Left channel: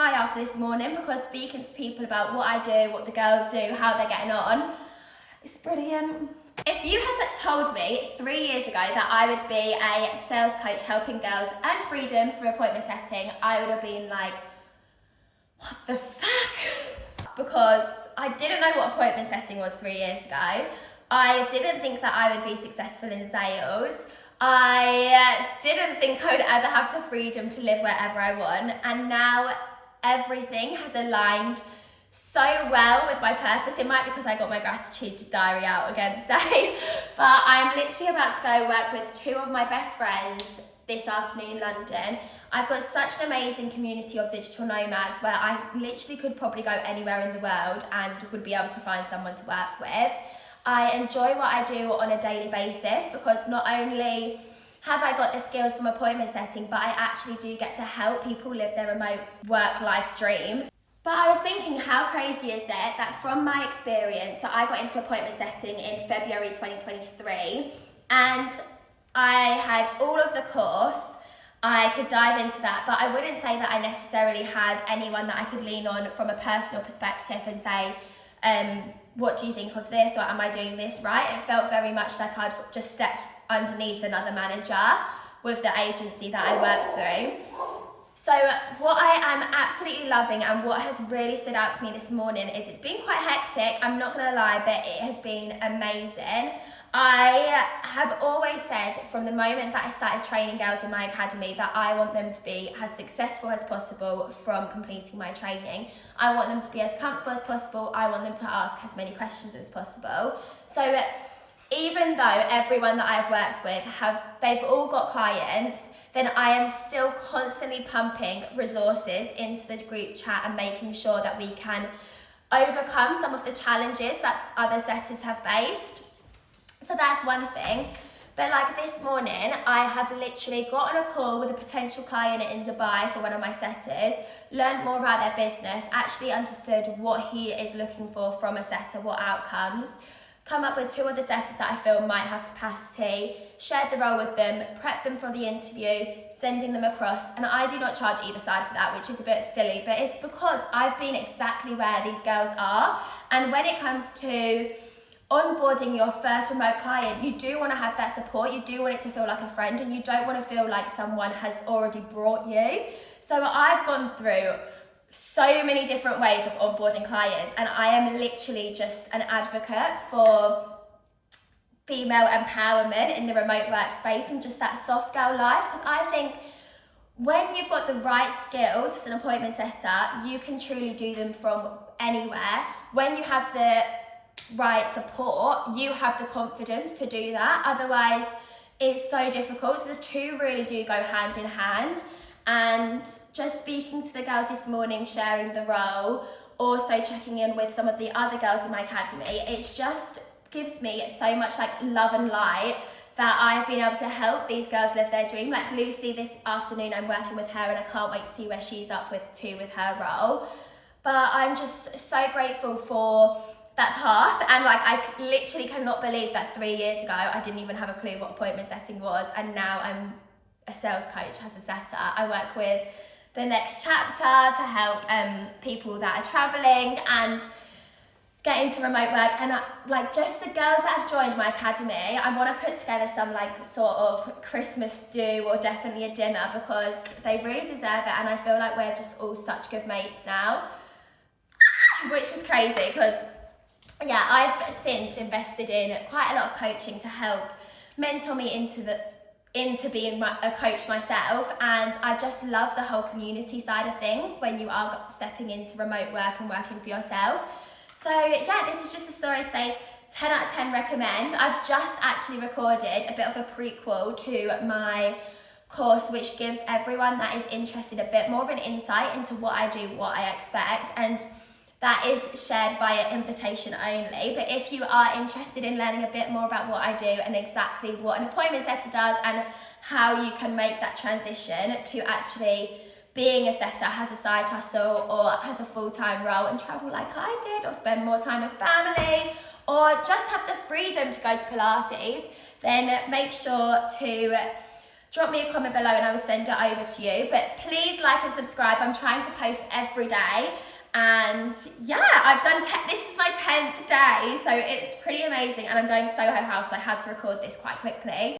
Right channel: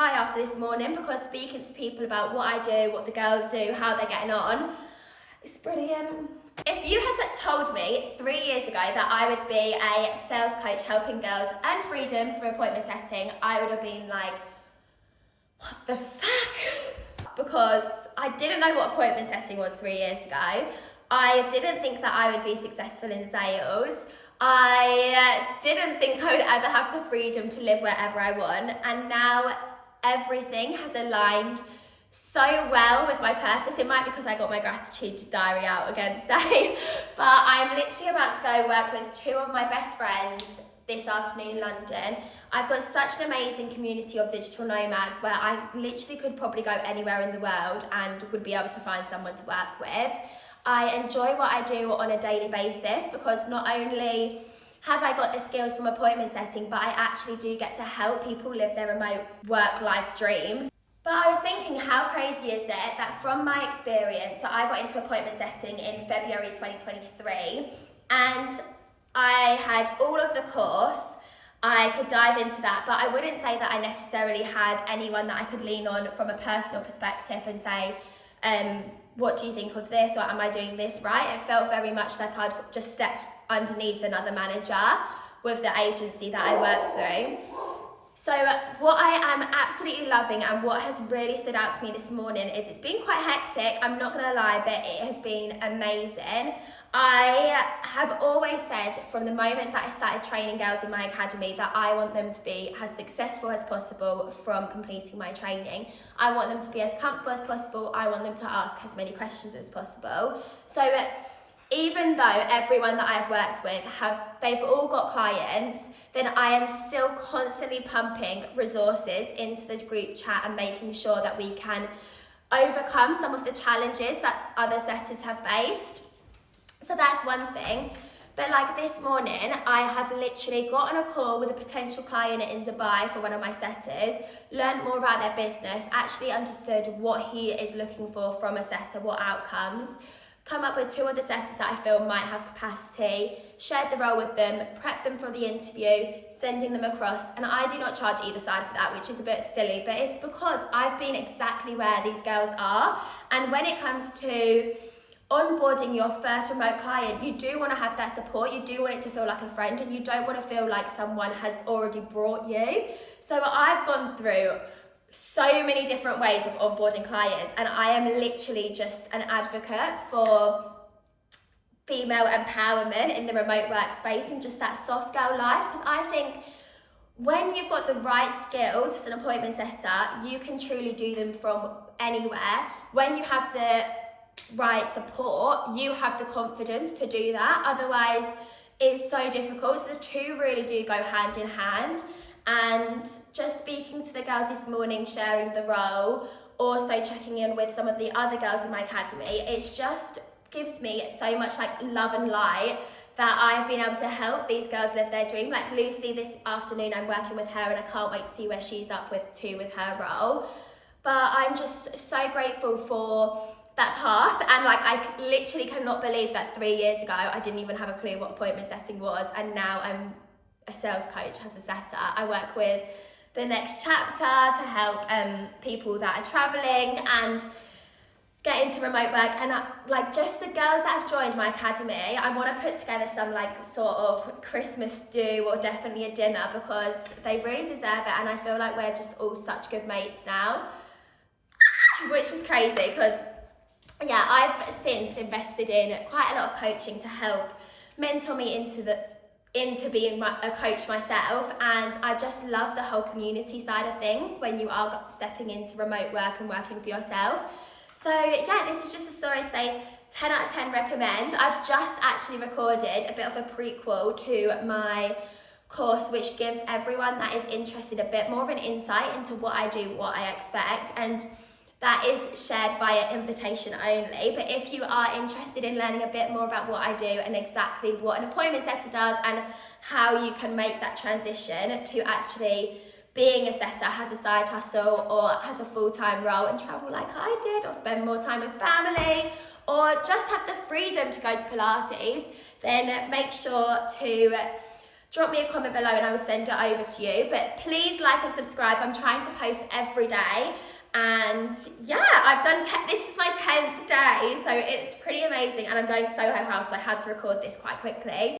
high after this morning because speaking to people about what I do, what the girls do, how they're getting on, it's brilliant. If you had told me 3 years ago that I would be a sales coach helping girls earn freedom through appointment setting, I would have been like, what the fuck? Because I didn't know what appointment setting was 3 years ago. I didn't think that I would be successful in sales. I didn't think I would ever have the freedom to live wherever I want. And now everything has aligned so well with my purpose. It might be because I got my gratitude diary out again today, but I'm literally about to go work with 2 of my best friends this afternoon in London. I've got such an amazing community of digital nomads where I literally could probably go anywhere in the world and would be able to find someone to work with. I enjoy what I do on a daily basis because not only have I got the skills from appointment setting, but I actually do get to help people live their remote work-life dreams. But I was thinking, how crazy is it that from my experience, so I got into appointment setting in February 2023, and I had all of the course, I could dive into that, but I wouldn't say that I necessarily had anyone that I could lean on from a personal perspective and say, what do you think of this, or am I doing this right? It felt very much like I'd just stepped underneath another manager with the agency that I worked through. So what I am absolutely loving and what has really stood out to me this morning is it's been quite hectic, I'm not gonna lie, but it has been amazing. I have always said from the moment that I started training girls in my academy that I want them to be as successful as possible from completing my training. I want them to be as comfortable as possible. I want them to ask as many questions as possible. So even though everyone that I've worked with they've all got clients, then I am still constantly pumping resources into the group chat and making sure that we can overcome some of the challenges that other setters have faced. So that's one thing. But like this morning, I have literally got on a call with a potential client in Dubai for one of my setters, learned more about their business, actually understood what he is looking for from a setter, what outcomes, come up with 2 other setters that I feel might have capacity, shared the role with them, prepped them for the interview, sending them across, and I do not charge either side for that, which is a bit silly, but it's because I've been exactly where these girls are. And when it comes to onboarding your first remote client, you do want to have that support, you do want it to feel like a friend, and you don't want to feel like someone has already brought you. So I've gone through so many different ways of onboarding clients, and I am literally just an advocate for female empowerment in the remote workspace and just that soft girl life, because I think when you've got the right skills as an appointment setter, you can truly do them from anywhere. When you have the right support, you have the confidence to do that. Otherwise, it's so difficult. So the 2 really do go hand in hand. And just speaking to the girls this morning, sharing the role, also checking in with some of the other girls in my academy, it's just gives me so much like love and light that I've been able to help these girls live their dream. Like Lucy this afternoon, I'm working with her and I can't wait to see where she's up to with her role. But I'm just so grateful for that path, and like I literally cannot believe that 3 years ago I didn't even have a clue what appointment setting was, and now I'm a sales coach as a setter. I work with the next chapter to help people that are traveling and get into remote work. And like just the girls that have joined my academy, I want to put together some like sort of Christmas do or definitely a dinner, because they really deserve it, and I feel like we're just all such good mates now, which is crazy because yeah, I've since invested in quite a lot of coaching to help mentor me into being a coach myself, and I just love the whole community side of things when you are stepping into remote work and working for yourself. So yeah, this is just a story to say 10 out of 10 recommend. I've just actually recorded a bit of a prequel to my course, which gives everyone that is interested a bit more of an insight into what I do, what I expect, and that is shared via invitation only. But if you are interested in learning a bit more about what I do and exactly what an appointment setter does and how you can make that transition to actually being a setter as a side hustle or as a full-time role and travel like I did, or spend more time with family, or just have the freedom to go to Pilates, then make sure to drop me a comment below and I will send it over to you. But please like and subscribe. I'm trying to post every day. And yeah, I've done, this is my 10th day, so it's pretty amazing. And I'm going Soho House, so I had to record this quite quickly.